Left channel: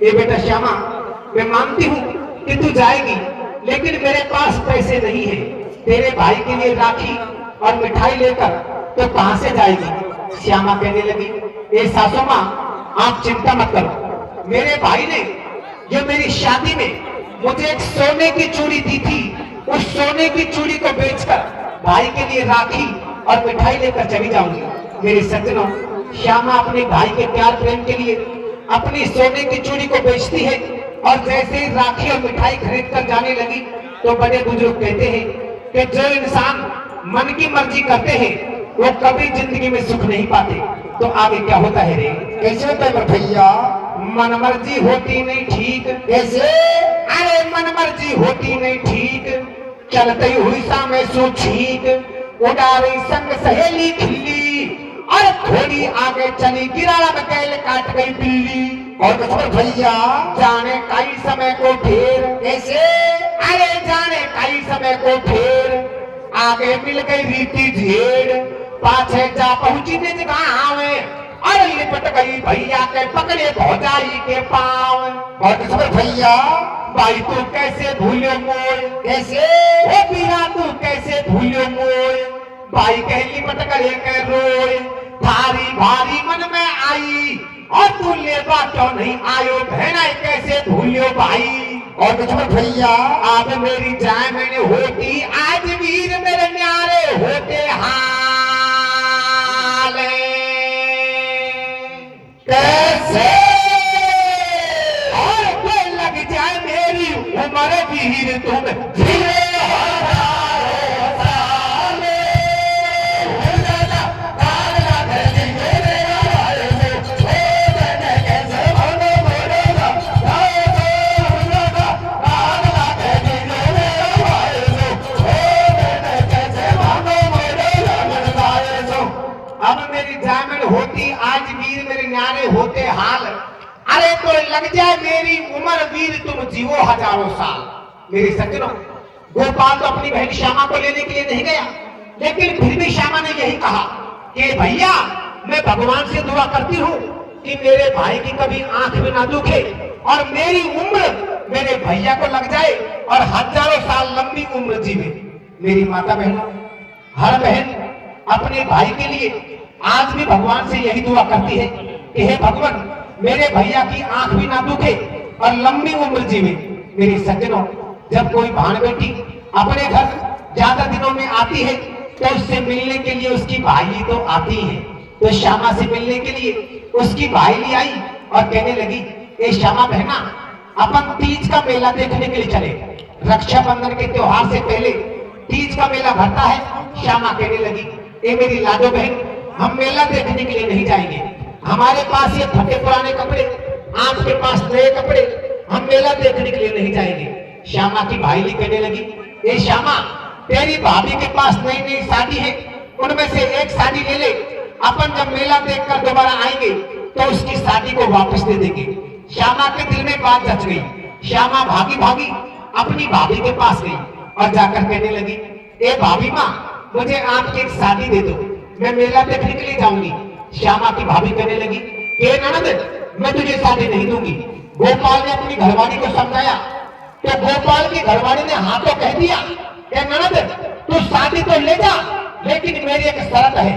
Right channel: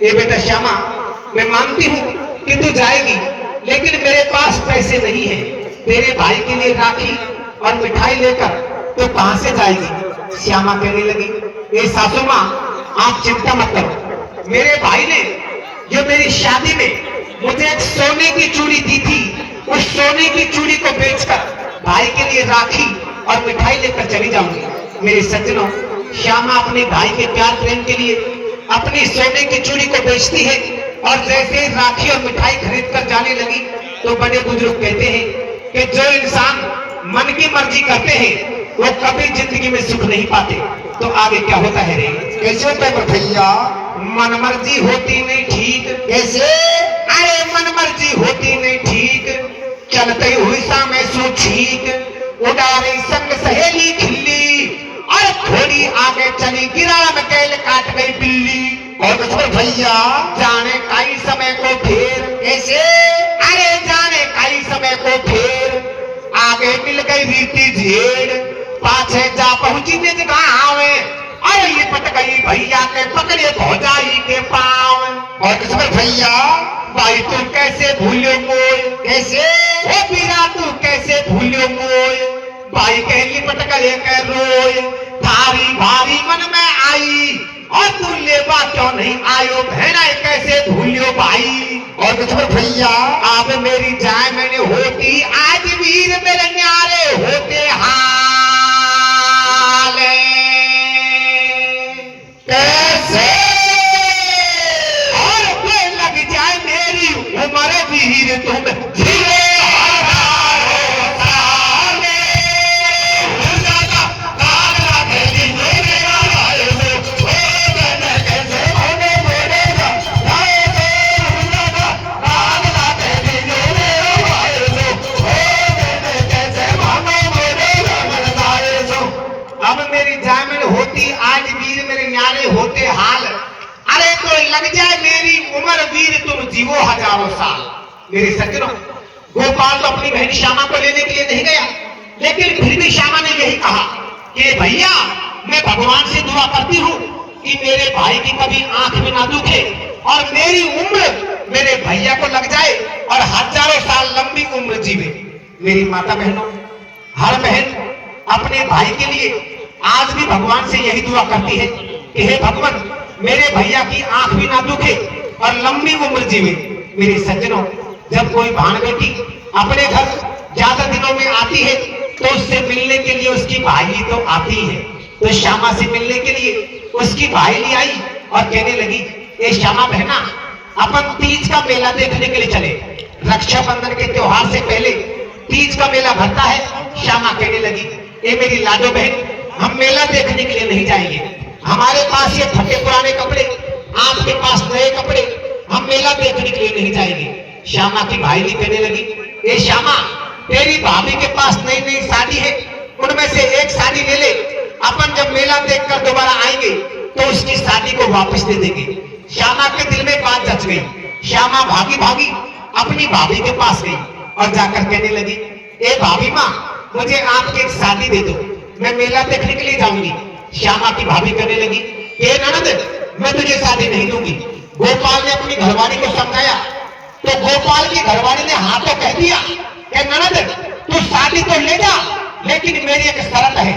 ये बेटा श्यामा, मैं मानती हूँ कि तू जाएगी, लेकिन मेरे पास पैसे नहीं है तेरे भाई के लिए राखी और मिठाई लेकर तो कहां से जाएगी। श्यामा कहने लगी, ए सासू माँ, आप चिंता मत करो। मेरे भाई ने जो मेरी शादी में मुझे एक सोने की चूड़ी दी थी, उस सोने की चूड़ी को बेचकर भाई के लिए राखी और मिठाई लेकर चली जाऊंगी। मेरे सज्जनों, श्यामा अपने भाई के प्यार प्रेम के लिए अपनी सोने की चूड़ी को बेचती है, और जैसे ही राखी और मिठाई खरीद कर जाने लगी तो बड़े बुजुर्ग कहते हैं कि जो इंसान मन की मर्जी करते हैं वो कभी जिंदगी में सुख नहीं पाते। तो आगे क्या होता है रे? कैसे होता है भैया? मन मर्जी होती नहीं ठीक। कैसे? अरे मन मर्जी होती नहीं ठीक, चलती हुई सामे सो छीक, उड़ा रही संग सहेली खिल्ली, और थोड़ी आगे चली गिराला में कैल काट गई बिल्ली। और भैया जाने कई समय को फेर। कैसे? अरे जाने कई समय को फेर, आगे मिल गई रीति झेड़, पाछे जा पहुंची निज गाँव में, अरे ये पट गई भैया के पकड़े भौजाई के पाँव। और भैया भाई तू कैसे भूलो मोय? कैसे? हे बीरा तू कैसे भूलो मोय? भाई के लिपट गए के रोय, थारी भारी मन में आई, और तू लेबा क्यों नहीं आयो? बहना कैसे भूलो भाई? और भैया अब मेरी जाय मैंने होती, आज वीर मेरे न्यारे होते हाले। कैसे? और कोई लग जाए मेरी उम्र वीर तुम धीरे होते हाल। अरे तो लग जाए मेरी उम्र वीर तुम जीवो हजारों साल। मेरे सज्जनों, गोपाल तो अपनी बहन श्यामा को लेने के लिए नहीं गया, लेकिन फिर भी श्यामा ने यही कहा कि भैया मैं भगवान से दुआ करती हूँ कि मेरे भाई की कभी आंख में ना दुखे, और मेरी उम्र मेरे भैया को लग जाए और हजारों साल लंबी उम्र जीवे। मेरी माता बहनों, हर बहन अपने भाई के लिए आज भी भगवान से यही दुआ करती है कि हे भगवान, मेरे भैया की आंख भी ना दुखे और लंबी उम्र जीवे। मेरे सज्जनों, जब कोई भाण बेटी अपने घर ज्यादा दिनों में आती है तो उससे मिलने के लिए उसकी भाई तो आती है। तो श्यामा से मिलने के लिए उसकी भाई आई और कहने लगी, ए श्यामा बहना, अपन तीज का मेला देखने के लिए चले। रक्षाबंधन के त्योहार से पहले तीज का मेला भरता है। श्यामा कहने लगी, ए मेरी लाडो बहन, हम मेला देखने के लिए नहीं जाएंगे, हमारे पास ये फटे पुराने कपड़े, आपके पास नए कपड़े, हम मेला देखने के लिए नहीं जाएंगे। श्यामा की भाईली कहने लगी, ए श्यामा, तेरी भाभी के पास नई नई साड़ी है, उनमें से एक साड़ी ले ले, अपन जब मेला देखकर दोबारा आएंगे तो उसकी साड़ी को वापस दे देंगे। श्यामा के दिल में बात जच गई। श्यामा भागी भागी अपनी भाभी के पास गई और जाकर कहने लगी, ए भाभी माँ, मुझे आपकी एक साड़ी दे दो, मैं मेला देखने के लिए जाऊंगी। श्यामा की भाभी कहने लगी, ए ननद, मैं तुझे शादी नहीं दूंगी। गोपाल ने अपनी घरवाली को समझाया तो गोपाल की घरवाली ने हाँ तो कह दिया, ए ननद, तू शादी तो ले जा, लेकिन मेरी एक शर्त है।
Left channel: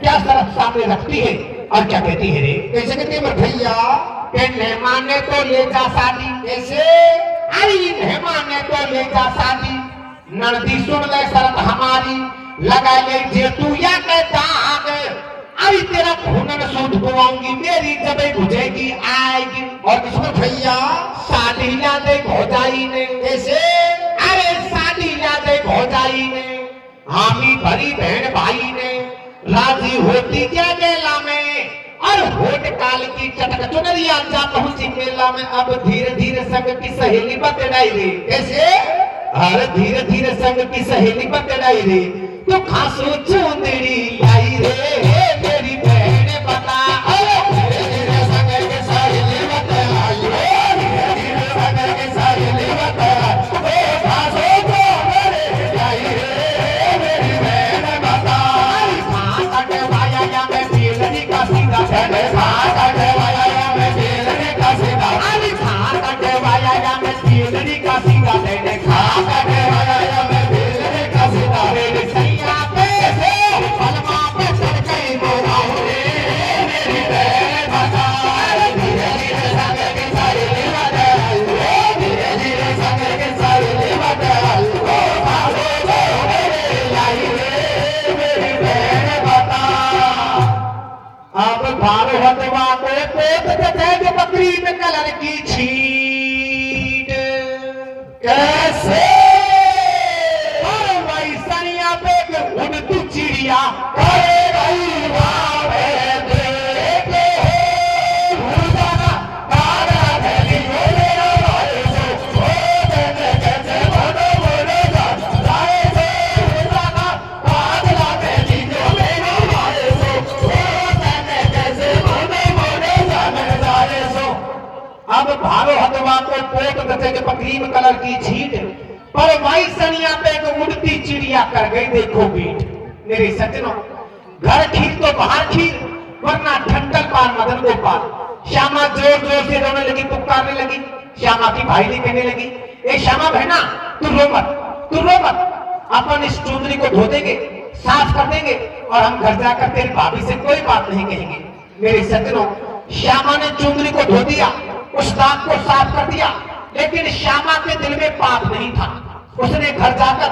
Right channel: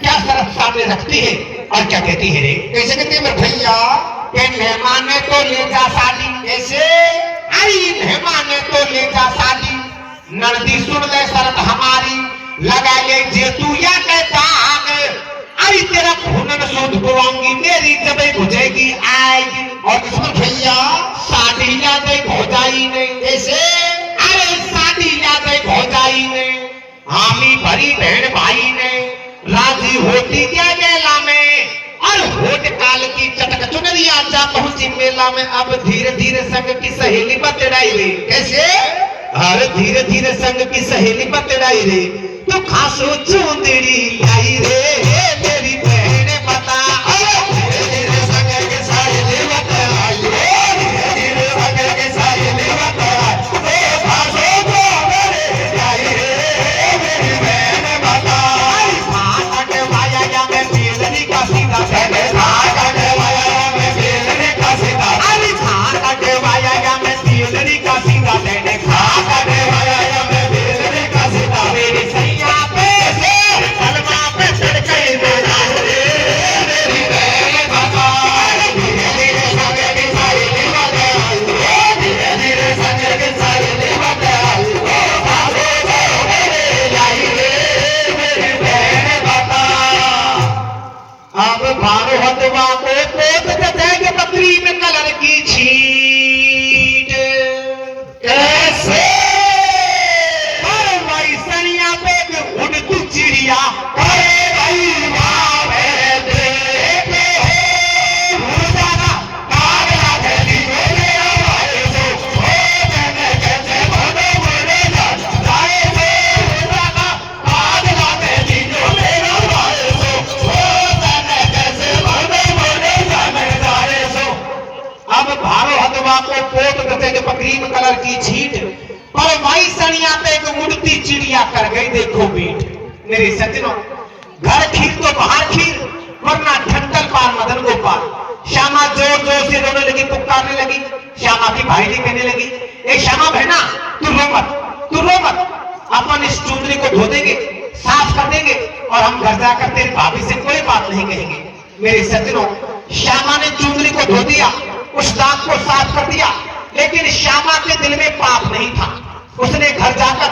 क्या शर्त सामने रखती है और क्या कहती है रे? कैसे कहते हैं भैया? मेहमान ने तो ले जा शादी। कैसे? आई मेहमान ने तो ले जा शादी, ननदी सुन ले शर्त हमारी, लगा ले जे तू या के दाग, अरे तेरा खूनन सूद बुआऊंगी, मेरी जब बुझेगी आएगी। और किस्मत भैया साड़ी ला दे भौजाई ने। कैसे? अरे साड़ी ला दे भौजाई ने, हामी भरी बहन भाई ने, राजी होती क्या मेला में, और होट काल की चटक चुनरिया जा पहुंची मेला में। अब धीरे धीरे संग की सहेली बतलाई रे। कैसे? और धीरे धीरे संग की सहेली बतलाई रे, तो खासो चूंदड़ी लाई रे, मेरी बहन बता। धीरे धीरे संग की सहेली बतलाई, धीरे धीरे संग की सहेली बतलाई, खासो चूंदड़ी लाई रे, मेरी बहन बता। भागट वाया या मैं बेलनी का सीधा, भागट वाया या मैं बेलनी का सीधा, अरे भारो हदवा को पोत दसे जो क्रीम कलर की छीट पर वही सनिया पे को मुड़ती चिड़िया कर गई देखो बीट। मेरे सज्जनों, घर खीर तो बाहर खीर, वरना ठंडल पार मदन गोपाल। श्यामा जोर जोर से रोने लगी, पुकारने लगी। श्यामा की भाई जी कहने लगी, ए श्यामा बहना, तू रो मत, तू रो मत, अपन इस चुंदरी को धो देंगे, साफ कर देंगे और हम घर जाकर तेरी भाभी से कोई बात नहीं कहेंगे। मेरे सज्जनों, श्यामा ने चुंदरी को धो दिया, उस दाग को साफ कर दिया, लेकिन श्यामा के दिल में पाप नहीं था। उसने घर जाकर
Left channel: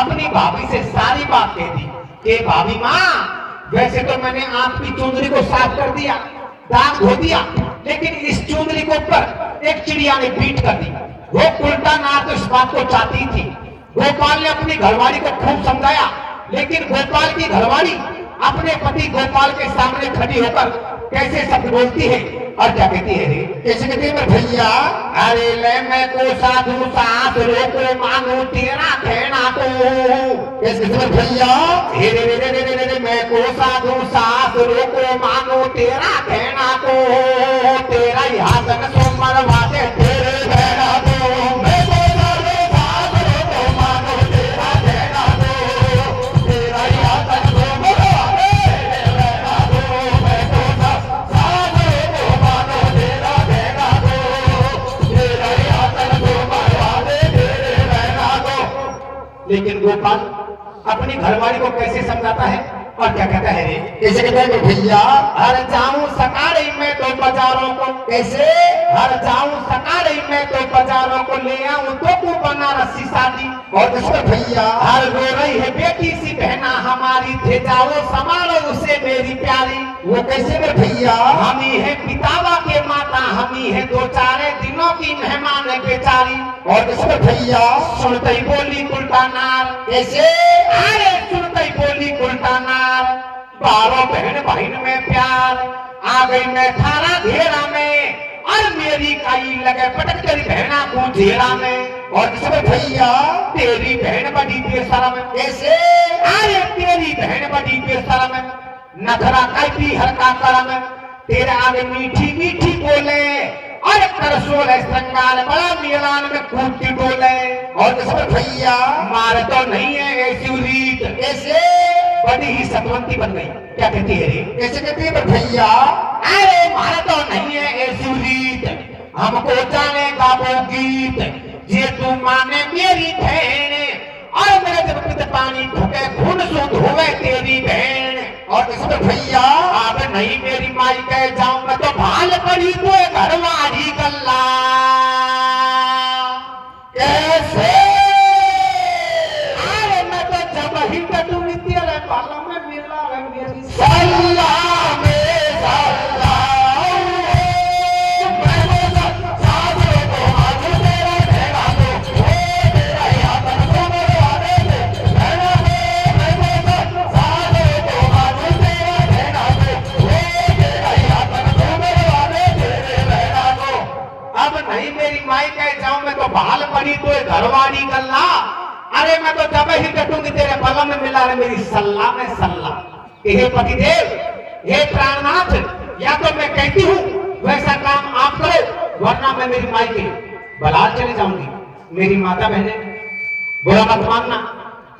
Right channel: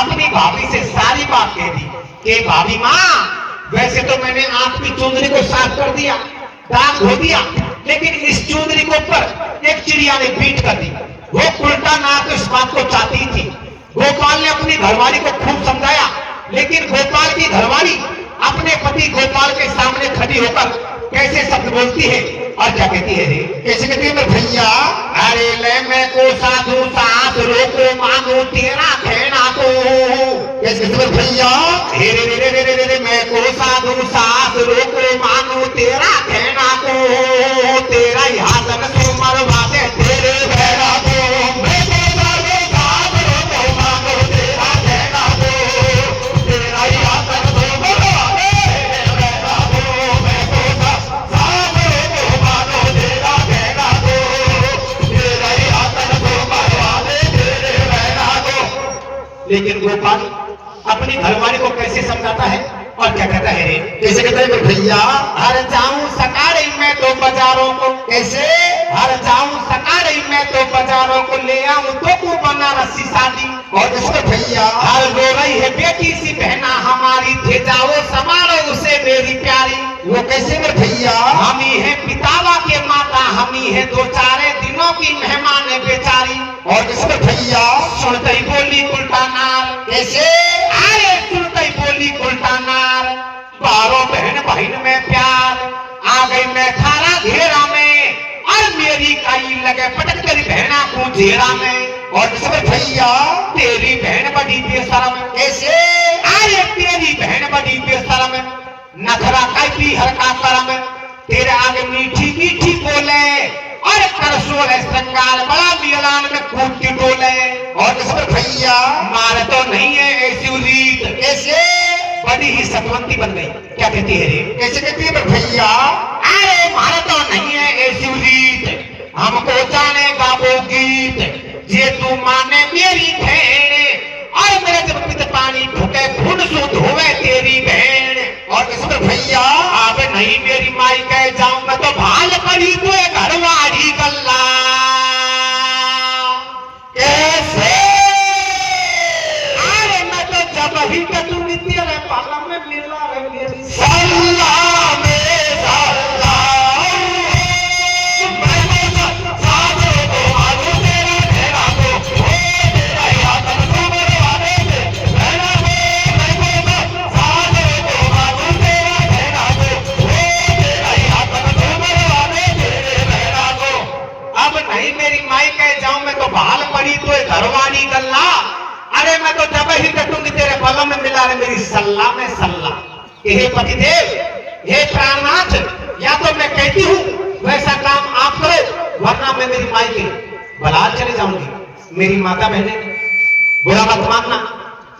अपनी भाभी से सारी बात कह दी कि भाभी माँ, वैसे तो मैंने आपकी चुंदरी को साफ कर दिया, दाग धो दिया, लेकिन इस चुंदरी के ऊपर एक चिड़िया ने बीट कर दी। वो उल्टा नाक इस बात को चाहती थी। गोपाल ने अपनी घरवाली को खूब समझाया, लेकिन गोपाल की घरवाली अपने पति गोपाल के सामने खड़ी होकर कैसे शब्द बोलती है और क्या कहती है रे? कैसे कहती है भैया? अरे ले मैं को साधु सास रोको मांगू तेरा कहना तो। कैसे कहती है भैया? रे रे रे रे रे रे मैं को साधु सास रोको मांगू तेरा कहना तो। तेरा यहाँ तक तो मरवा दे तेरे बहना तो। मैं को साधु सास रोको मांगू तेरा कहना तो। तेरा यहाँ तक तो मरवा दे तेरे बहना तो। मैं को सास रोको मांगू तेरा कहना तो। तेरा यहाँ तक तो मरवा दे तेरे बहना तो। लेकिन गोपाल अपनी घरवाली को कैसे समझाता है और क्या कहता है रे? कैसे कहता है भैया? हर जाऊं सकारे में तो बाजारों को, कैसे? हर जाऊं सकारे में तो बाजारों को ले आऊं तो को बनारसी शादी। और किसका भैया? हर रो रही है बेटी सी बहना हमारी, थे जाओ संभाले उसे मेरी प्यारी। वो कैसे में भैया? हम ही है पितावा के माता, हम ही है दो चारे दिनों की मेहमान बेचारी। और किसका भैया? सुनते ही बोली उल्टा नार। कैसे? अरे सुनते ही बोली उल्टा नार। बारों बहन बहन में प्यार, आ गई मैं थारा घेरा में, और मेरी काई लगे पटक तेरी बहना को घेरा में। और किसका भैया? तेरी बहन बड़ी बेशरम। कैसे? अरे तेरी बहन बड़ी बेशरम, नखरा कैपी हर का करम, तेरे आगे मीठी मीठी बोले, और करसोल श्रृंगार बड़ा मिलान में कूदती डोले। और किसका भैया? मार तो नहीं है ऐसी रीत, कैसे? बड़ी ही सतवंती बन गई। क्या कहती है रे? कैसे कहती है भैया? अरे मार तो नहीं है ऐसी रीत, हमको जानेगा वो गीत, जे तू माने मेरी बहन, और मेरे जब पिता पानी ढुके खून सूद होवे तेरी बहन। और किसका भैया? अब नहीं मेरी माई कह जाऊं मैं तो भाल पड़ी तो घरवाड़ी गल्ला। कैसे? अरे मैं तो जब ही के तू तेरे पालम में मिला रे मेरी सल्ला में सल्ला। भाल पड़ी तो घरवाड़ी गल्ला। अरे मैं तो जब ही कटूंगी तेरे बगल में मिला रे मेरी सल्ला में सल्ला। हे पतिदेव, हे प्राणनाथ, या तो मैं कहती हूँ वैसा काम आप करो, वरना मैं मेरी माई के बलात चले जाऊंगी। मेरी माता बहने, बुरा मत मानना,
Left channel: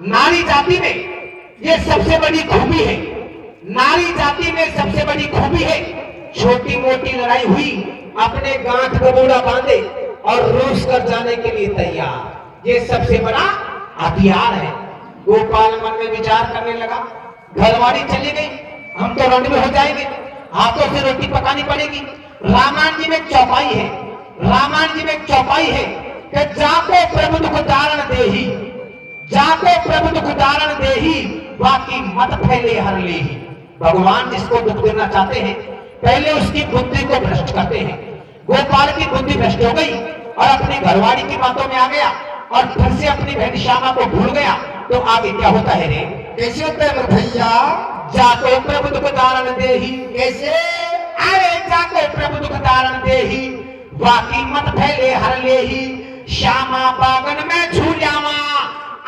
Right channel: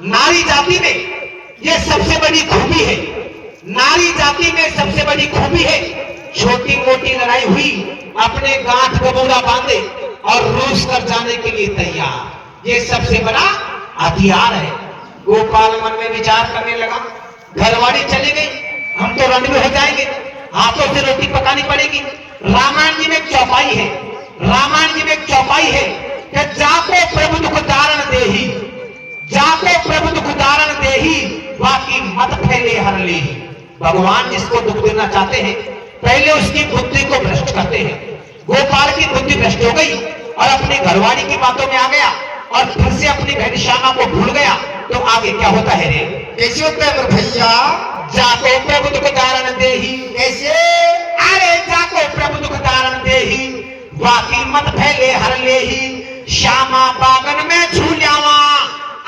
नारी जाति में ये सबसे बड़ी खूबी है। नारी जाति में सबसे बड़ी खूबी है, छोटी मोटी लड़ाई हुई अपने गांठ गबूरा बांधे और रूस कर जाने के लिए तैयार। ये सबसे बड़ा हथियार है। गोपाल मन में विचार करने लगा, घरवाड़ी चली गई, हम तो रण में हो जाएंगे, हाथों से रोटी पकानी पड़ेगी। रामायण जी में एक चौपाई है, रामायण जी में एक चौपाई है कि जाको प्रभु दुख दारण देही, जाको प्रभु दुख दारण देही, बाकी मत फैले हर लेही। भगवान जिसको दुख देना चाहते हैं पहले उसकी बुद्धि को भ्रष्ट करते हैं। गोपाल की बुद्धि भ्रष्ट हो गई और अपनी घरवाड़ी की बातों में आ गया और फिर से अपनी बहन श्यामा को भूल गया। तो आगे क्या होता है रे? कैसे होता है भैया? जाको प्रभु दुख दारण देही। कैसे? अरे जाको प्रभु दुख दारण देही, बाकी मत फैले हर लेही। श्यामा बागन में झूलावा,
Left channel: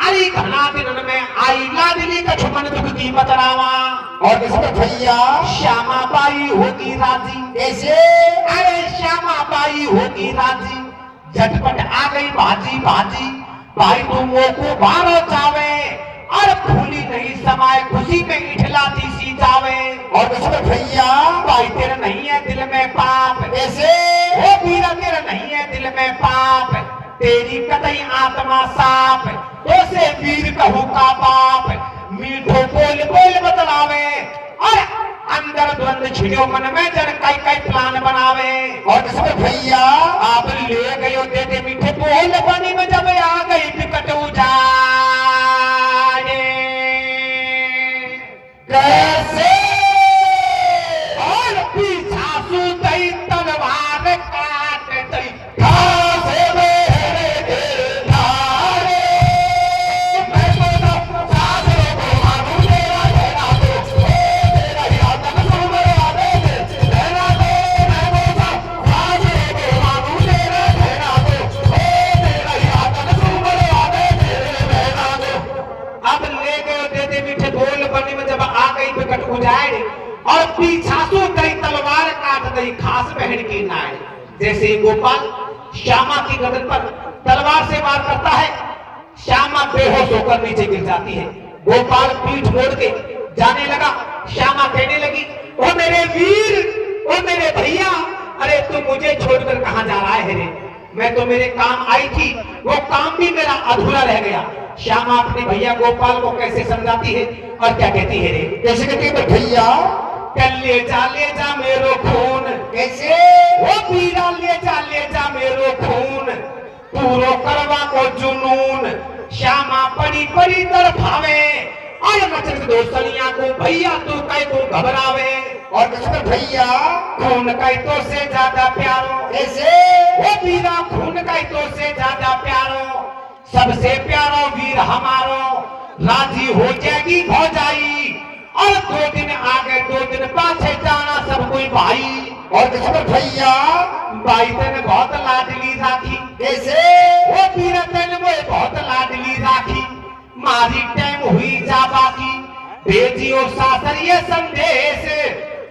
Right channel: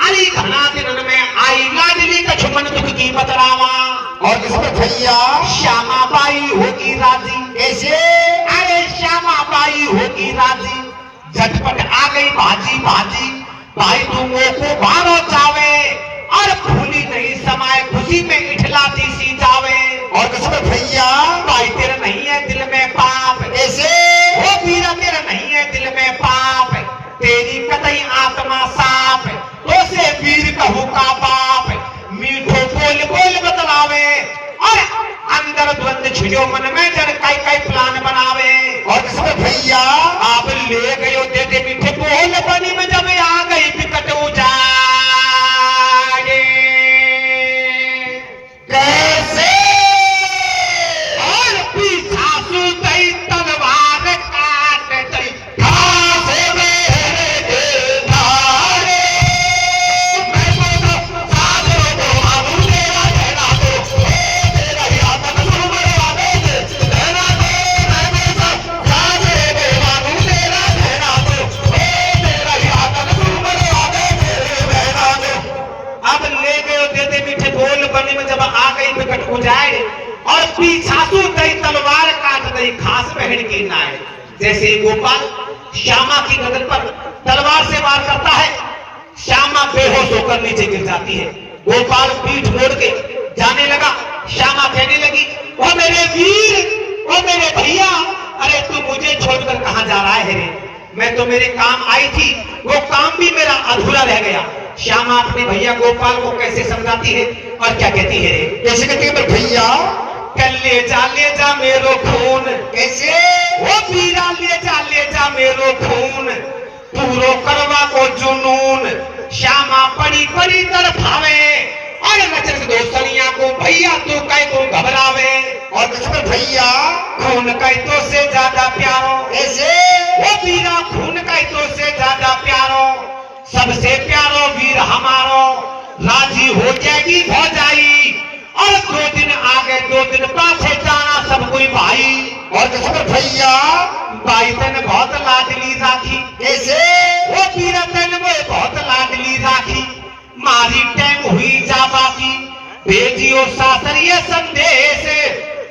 अरे घना दिन में आई लाडली कछुमन दुख की बतरावा। और किसमें भैया श्यामा बाई होगी राजी। कैसे अरे श्यामा बाई होगी राजी, झटपट आ गई भाजी भाजी, भाई तुमो को भारो चावे, और भूली नहीं समाए खुशी में इठलाती सी जावे। और किसमें भैया भाई तेरा नहीं है दिल में पाप, कैसे ओ वीरा तेरा नहीं है दिल में पाप, तेरी कतई आत्मा साफ, तो से वीर कहू का बाप, मीठो बोल बोल बतलावे, और अंदर द्वंद छिड़ो मन में जन कई कई प्लान बनावे। और किसमें भैया आप ले गयो दे मीठे बोल बनी में जब आ गई विकट उजाड़े। कैसे और पीछा सु दई तलवार काट दई, घासे मेरे धारे मैं बोला साथियों को बाबू तेरा रहना दो, तेरा याद तक मेरा दे रहना दो, मैं बोला साथियों को बाबू तेरा रहना दो, तेरा याद तक मेरा दे रहना दो। अब ले गयो दे मीठे बोल बनी में जब आ गई विकट उजाड़, और पीछासु दई तलवार काट दई खास बहन की नाय। जैसे ही गोपाल श्यामा की गर्दन पर तलवार से वार करता है, श्यामा बेहोश होकर नीचे गिर जाती है। गोपाल पीठ मोड़ के जाने लगा, श्यामा कहने लगी, ओ मेरे वीर, ओ मेरे भैया, अरे तू मुझे छोड़कर कहां जा रहा है रे? मैं तो मेरे काम आई थी, वो काम भी मेरा अधूरा रह गया। श्यामा अपने भैया गोपाल को कैसे समझाती है और क्या कहती है रे? कैसे कहती है भैया कल ले जा मेरो खून, कैसे ओ पीरा ले जा मेरो खून, पूरो करवा को जुनून, श्यामा पड़ी पड़ी तरफावे, अरे नचन दोस्तनिया को भैया तू कह तू घबरावे। और किसमें भैया खून कह तो से ज्यादा प्यारो, कैसे ओ पीरा खून कह तो से ज्यादा प्यारो, सबसे प्यारो वीर हमारो, राजी हो जाएगी भौजाई, और 2 दिन आगे 2 दिन पाछे जाना सब कोई भाई। और किसमें भैया भाई तेन बहुत लाडली राखी, कैसे वो पीरा तेन में बहुत लाडली राखी, मारी टाइम हुई जा बाकी, भेजियो सासर ये संदेश,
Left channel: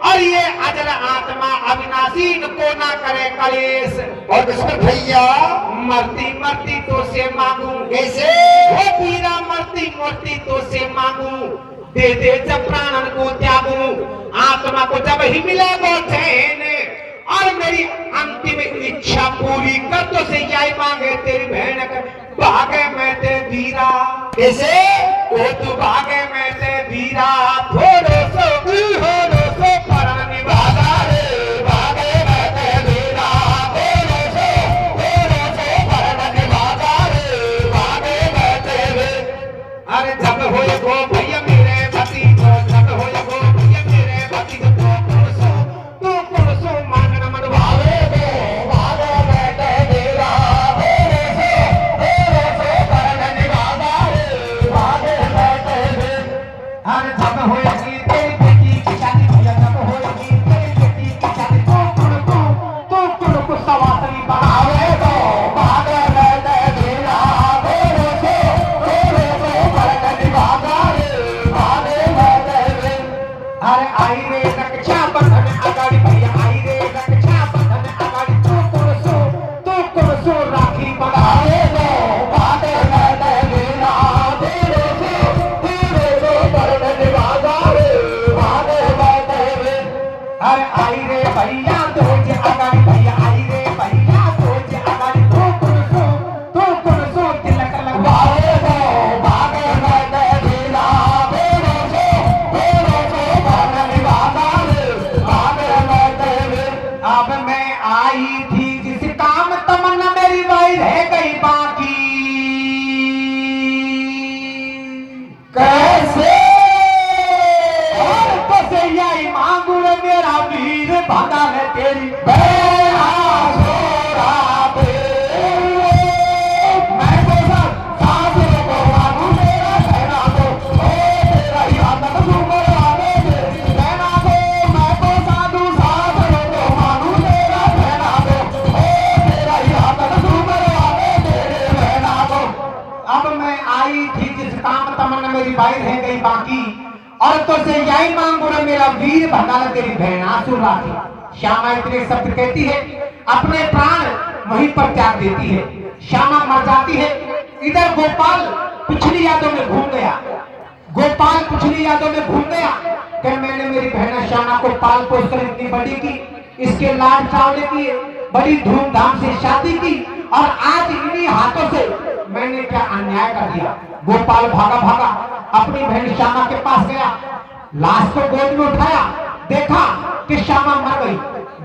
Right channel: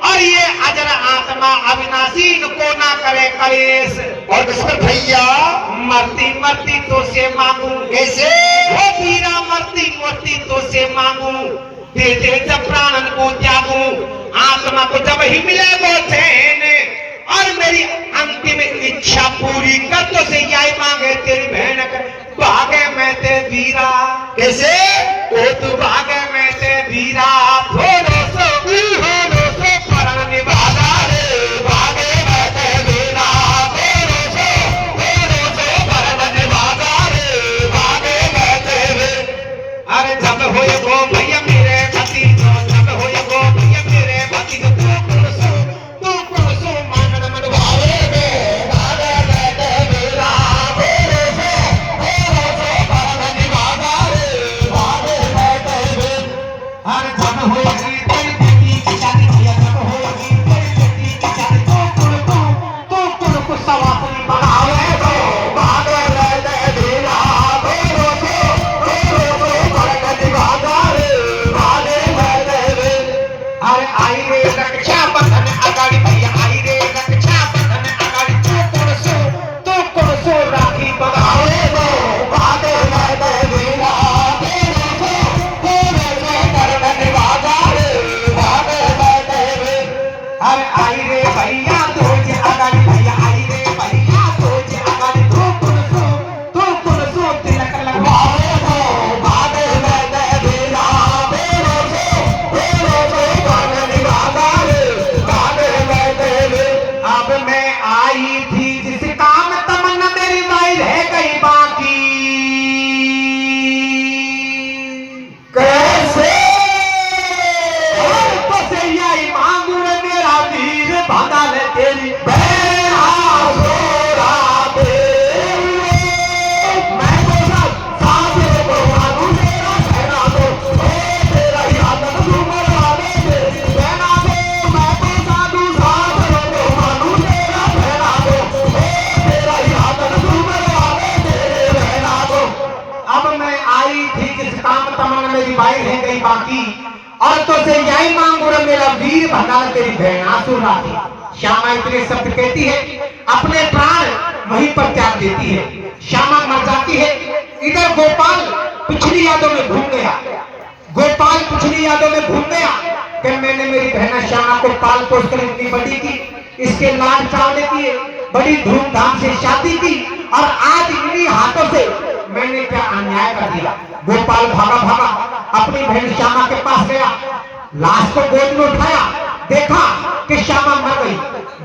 और ये अजर आत्मा अविनाशी को ना करे कलेश। और किसमें भैया मरती मरती तो से मांगू, कैसे वो पीरा मरती मरती तो से मांगू, दे दे जब प्राणन को त्यागू, आत्मा को जब ही मिलेगा चैन, और मेरी अंतिम इच्छा पूरी कर तो से यही मांगे तेरी बहन कर, भागे मैं ते वीरा, कैसे ओ तू भागे मैं ते वीरा, थोड़ो सो परन निभागा रे, भागे बैठे बिना तेरे से परन निभागा रे, भागे बैठे रे। अरे जब होए गो भैया मेरे गति को, जब होए गो भैया मेरे गति को, तू कुणसो मांगन मन भावे में, भागे बैठे बिना तेरे से परन निभागा रे, भागे बैठे रे। अरे जब होएगी तेरी बेटी की शादी भैया, जब होएगी तेरी बेटी की शादी, तू कुणको सवासनी बढ़ावे में, भागे बैठे बिना तेरे से परन निभागा रे, भागे बैठे रे। अरे आई रे रक्षा बंधन अगाड़ी भैया, आई रे रक्षा बंधन अगाड़ी, तू कुणसो राखी बढ़ावे में, भागे बैठे बिना तेरे से परन निभागा रे, भागे बैठे रे। अरे आई रे भैया तुझे अगाड़ी भैया, आई रे भैया तुझे अगाड़ी, तू कुणसो तिलक लगवावे में, भागे बैठे बिना तेरे से परन निभागा रे, भागे बैठे रे। अब मैं आई थी जिस काम तमन्ना मेरी नहीं रह गई बाकी, कैसे और तो से यही मांगू रे मेरा वीर, भागा ले तेरी बेहा छोड़ा दे, मैं बोला साथियों को बाबू तेरा रहना दो, तेरा याद तू मेरा दे रहना दो, मैं बोला तू साथियों को बाबू तेरा रहना दो, तेरा याद तू मेरा दे रहना दो। अब मैं आई थी जिस काम तमन्ना मेरी भाई रह गई बाकी, और तो से यही मांगू रे मेरा वीर भंडार तेरी बहन आंसू लाती। श्यामा इतने शब्द कहती है, अपने प्राण वहीं पर त्याग देती है। श्यामा मर जाती है। इधर गोपाल पिछली यादों में भूल गया। गोपाल पिछली यादों में भूल गया कि मैंने मेरी बहना श्यामा को पाल पोस कर इतनी बड़ी की, इसके लाड चावले किए, बड़ी धूमधाम से शादी की, और आज इन्हीं हाथों से मैंने क्या अन्याय कर दिया। गोपाल भागा भागा अपनी बहन श्यामा के पास गया, लाश को गोद में उठाया, देखा कि श्यामा मर गई।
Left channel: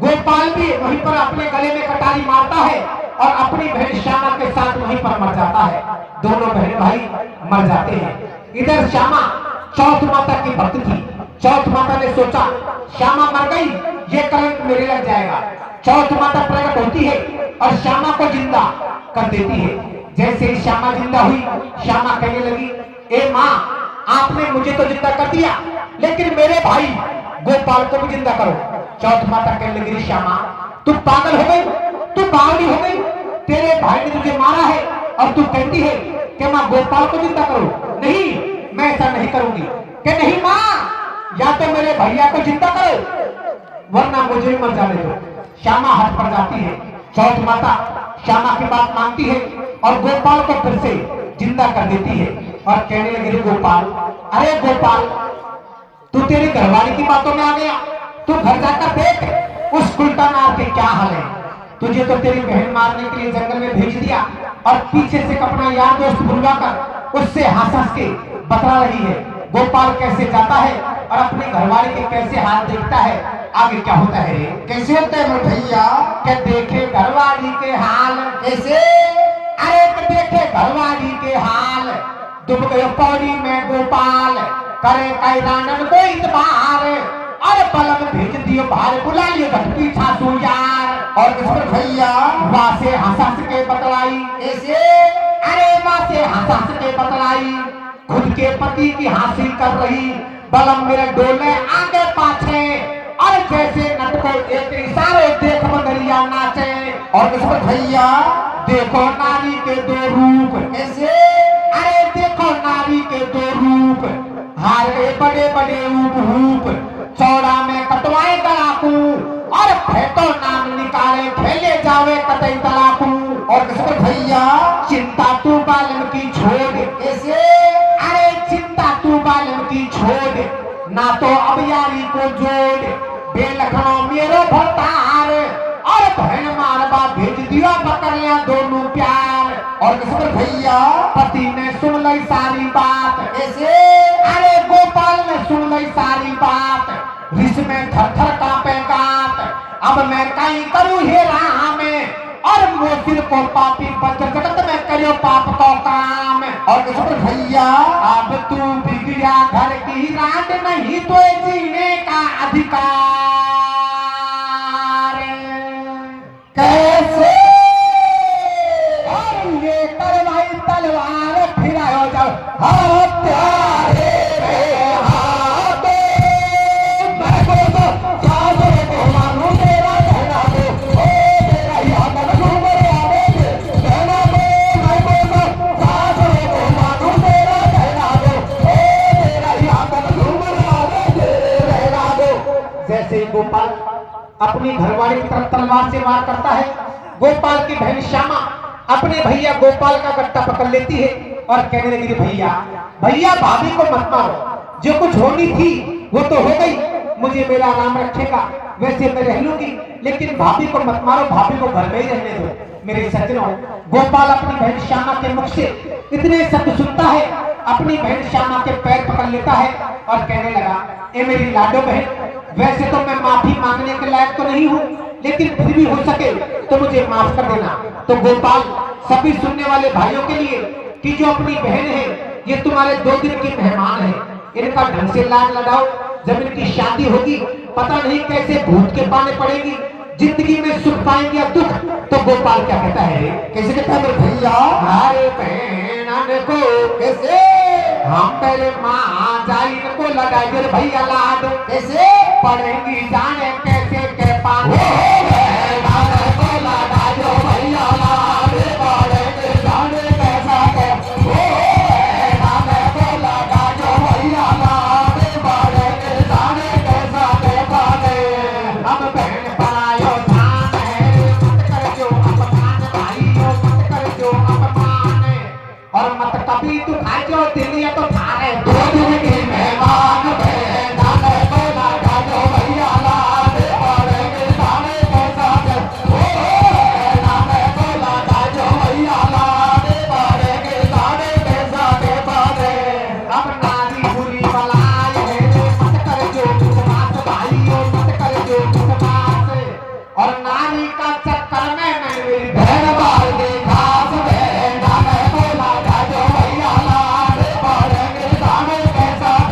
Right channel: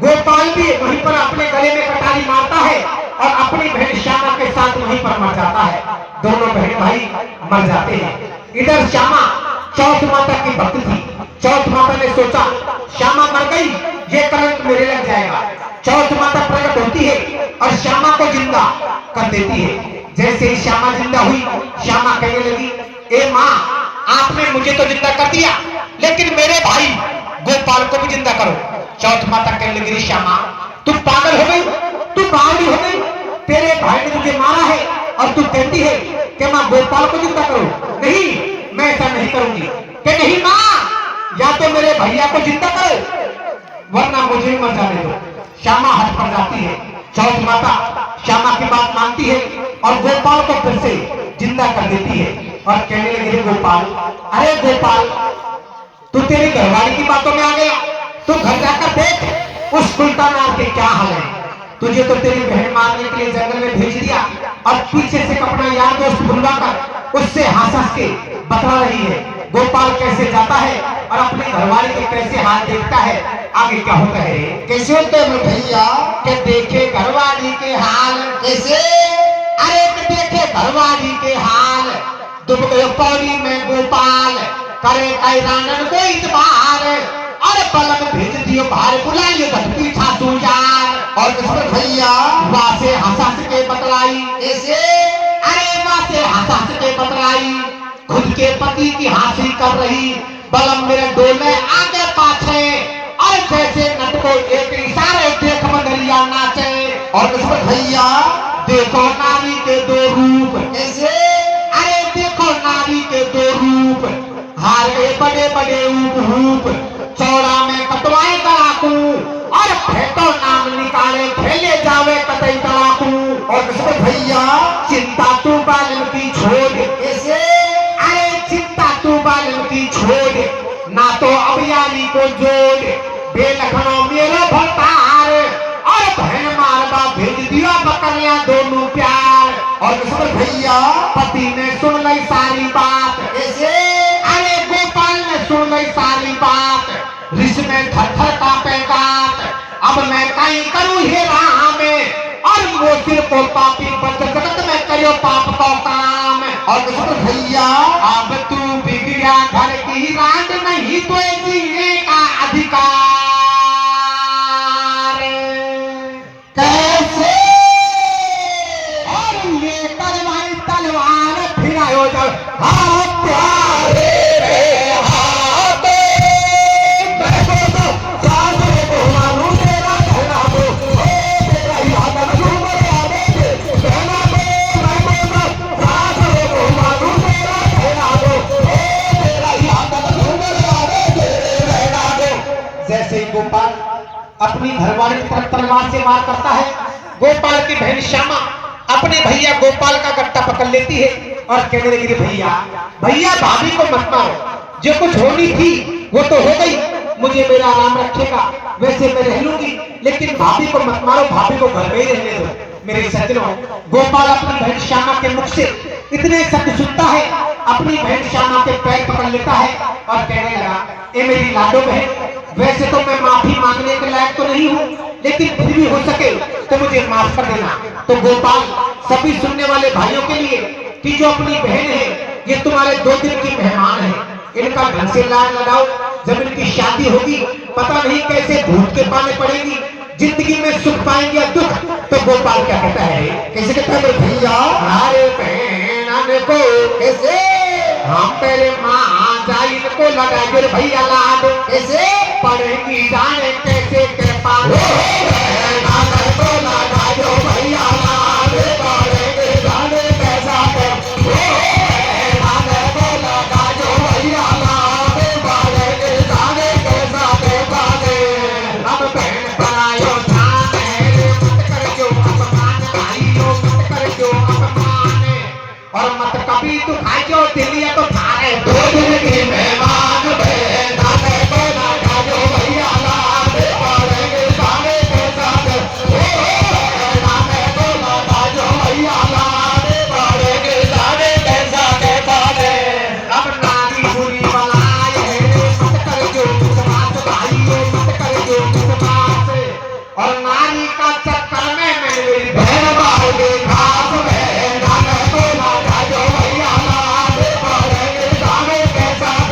गोपाल भी वहीं पर अपने गले में कटारी मारता है और अपनी बहन श्यामा के साथ वहीं पर मर जाता है। दोनों बहन भाई मर जाते हैं। इधर श्यामा चौथ माता की भक्त थी। चौथ माता ने सोचा श्यामा मर गई, ये कलंक मेरे लग जाएगा। चौथ माता प्रकट होती है और श्यामा को जिंदा कर देती है। जैसे ही श्यामा जिंदा हुई, श्यामा कहने लगी, ए माँ, आपने मुझे तो जिंदा कर दिया, लेकिन मेरे भाई गोपाल को भी जिंदा करो। चौथ माता कहने लगी, श्यामा तू पागल हो गई, तू पागल हो गई, तेरे भाई ने तुझे मारा है और तू कहती है कि मैं गोपाल को जिंदा करूं। नहीं, मैं ऐसा नहीं करूंगी। कि नहीं माँ, या तो मेरे भैया को जिंदा करो वरना मुझे ही मर जाने दो। श्यामा हट पड़ जाती है। चौथ माता श्यामा की बात मानती है और गोपाल को फिर से जिंदा कर देती है और कहने लगे, गोपाल, अरे गोपाल, तू तेरी घरवाली की बातों में आ गया। तू घर जाकर देख उस सुल्तान के क्या हाल है। तुझे तो तेरी बहन मारने के लिए जंगल में भेज दिया और पीछे से अपना यार दोस्त बुलवाकर उससे हंस हंस के बता रही है। गोपाल कैसे जाता है और अपनी घरवाली के कैसे हाथ देखता है। आगे क्या होता है, कैसे होते हैं भैया? क्या देखे घरवाली के हाल कैसे? अरे देखे घरवाली के हाल, डूब गए पौड़ी में गोपाल, करे कई रानन को इतबार, और पलक भेज दियो बाहर, बुलाइए धरती छासू यार। और किसमें भैया? वासे हंस के बतलाई। कैसे? अरे वासे हंस के बतलाई, खुद के पति की हासिल कर रही, बलम मेरे डोले आगे पाछे, और जैसे नट को एक इशारे देख मंगलिया नाचे। और किसमें भैया? देखो नारी के दो रूप। कैसे? अरे देखो नारी के दो रूप, हार गए बड़े बड़े ऊप, चौड़ा में कटवाए डाकू, और फेंको नाम निकाले खेले जावे कतई तड़ाकू। और किसमें भैया? चिंता तू बालन की छोड़। कैसे? अरे चिंता तू बालन की छोड़, ना तो अभियानी को जोड़, बेलखनों मेरो भरतार, और बहन मारवा भेज दिया बकरिया दोनों प्यार। और किसमें भैया? पति ने सुन ली सारी बात। कैसे? अरे गोपाल ने सुन ली सारी बात, रिस में थर थर कांपे गात, अब मैं कहीं करूं हे राम, और वो सिर को पापी पर जगत में करियो पाप को काम। और किसमें भैया? अब तू बिगड़ा घर की रात, नहीं तो जीने का अधिकार। कैसे? और लेकर भाई तलवार फिरायो जब, हाँ प्यारे रे हाथे, मैं तो सागर को मानू तेरा धना दो, ओ तेरा याद डूबे आवे, धना दो, मैं तो सागर को मानू तेरा धना दो, ओ तेरा याद डूबे आवे, धना दो। जैसे गोपाल अपनी घरवाली की तरफ तलवार से वार करता है, गोपाल की बहन श्यामा अपने भैया गोपाल का गट्टा पकड़ लेती है और कहने लगी, भैया भैया भाभी को मत मारो, जो कुछ होनी थी वो तो हो गई, मुझे मेरा आराम रखेगा, वैसे मैं रह लूंगी, लेकिन भाभी को मत मारो, भाभी को घर में ही रहने दो। मेरे सज्जनों, गोपाल अपनी बहन श्यामा के मुख से इतने शब्द सुनता है, अपनी बहन श्यामा के पैर पकड़ लेता है और कहने लगा, ए मेरी लाडो बहन, वैसे तो मैं माफी मांगने के लायक तो नहीं हूँ, लेकिन फिर भी हो सके तो मुझे माफ कर देना। तो गोपाल सभी सुनने वाले भाइयों के लिए कि जो अपनी बहन है, ये तुम्हारे 2 दिन की मेहमान है, इनका ढंग से लाड लगाओ, जब इनकी शादी होगी पता नहीं कैसे भूत के पाले पड़ेगी, जिंदगी में सुख पाएंगे या दुख। तो गोपाल क्या कहता है, कैसे कहता है भैया, अरे बहन को कैसे हम पहले माँ जाइन को लगाएंगे भैया लाड, कैसे पढ़ेंगी जाने कैसे के पास को लगाओ भैया लाड, पढ़ेंगे जाने कैसा को लगाओ भैया लाड, अभी तू खाई जो दिल्ली है तो थारे दो दिन की मेहमान थे नाने को ना खाजो भैया लाने पड़ेंगे सारे के साथ नाने को ना खाजो भैया लाने पड़ेंगे सारे के साथ बारे अब नारी बुरी बलाए मत कर जो समाज भाइयों मत कर जो समाज और नारी का चक्कर में मेरी बहन बाहर के खास बहन नाने को ना खाजो भैया लाने पड़ेंगे सारे के साथ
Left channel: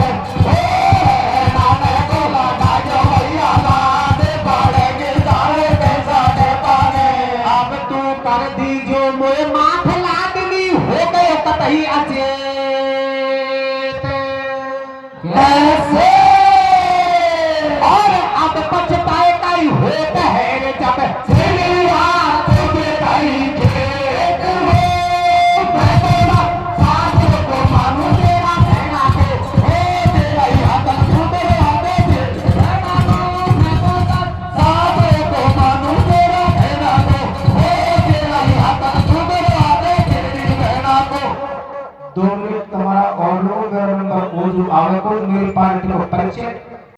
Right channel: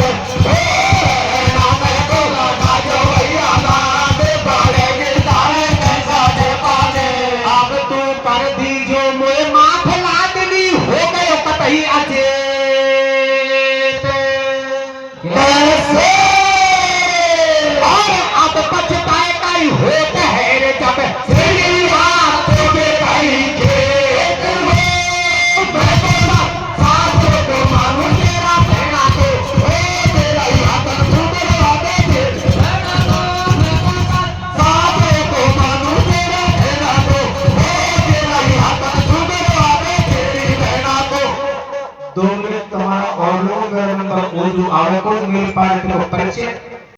नाने को ना खाजो भैया लाने पड़ेंगे सारे के साथ बारे अब तू कर दी जो मोए माथ लादनी हो गए कतई अचेत कैसे और अब पछताए कई होता है रे जब तेरी बात के कहीं खेत में बैठा साथ को मानू तेरा कहना तो तेरा हाथ छूटे आगे थे साथ को मानू तेरा कहना तो तेरा हाथ छूटे आगे तेरी कहना तो 2 मिनट तुम्हारा और लोग वो जो आवे को मेरे पास परिचय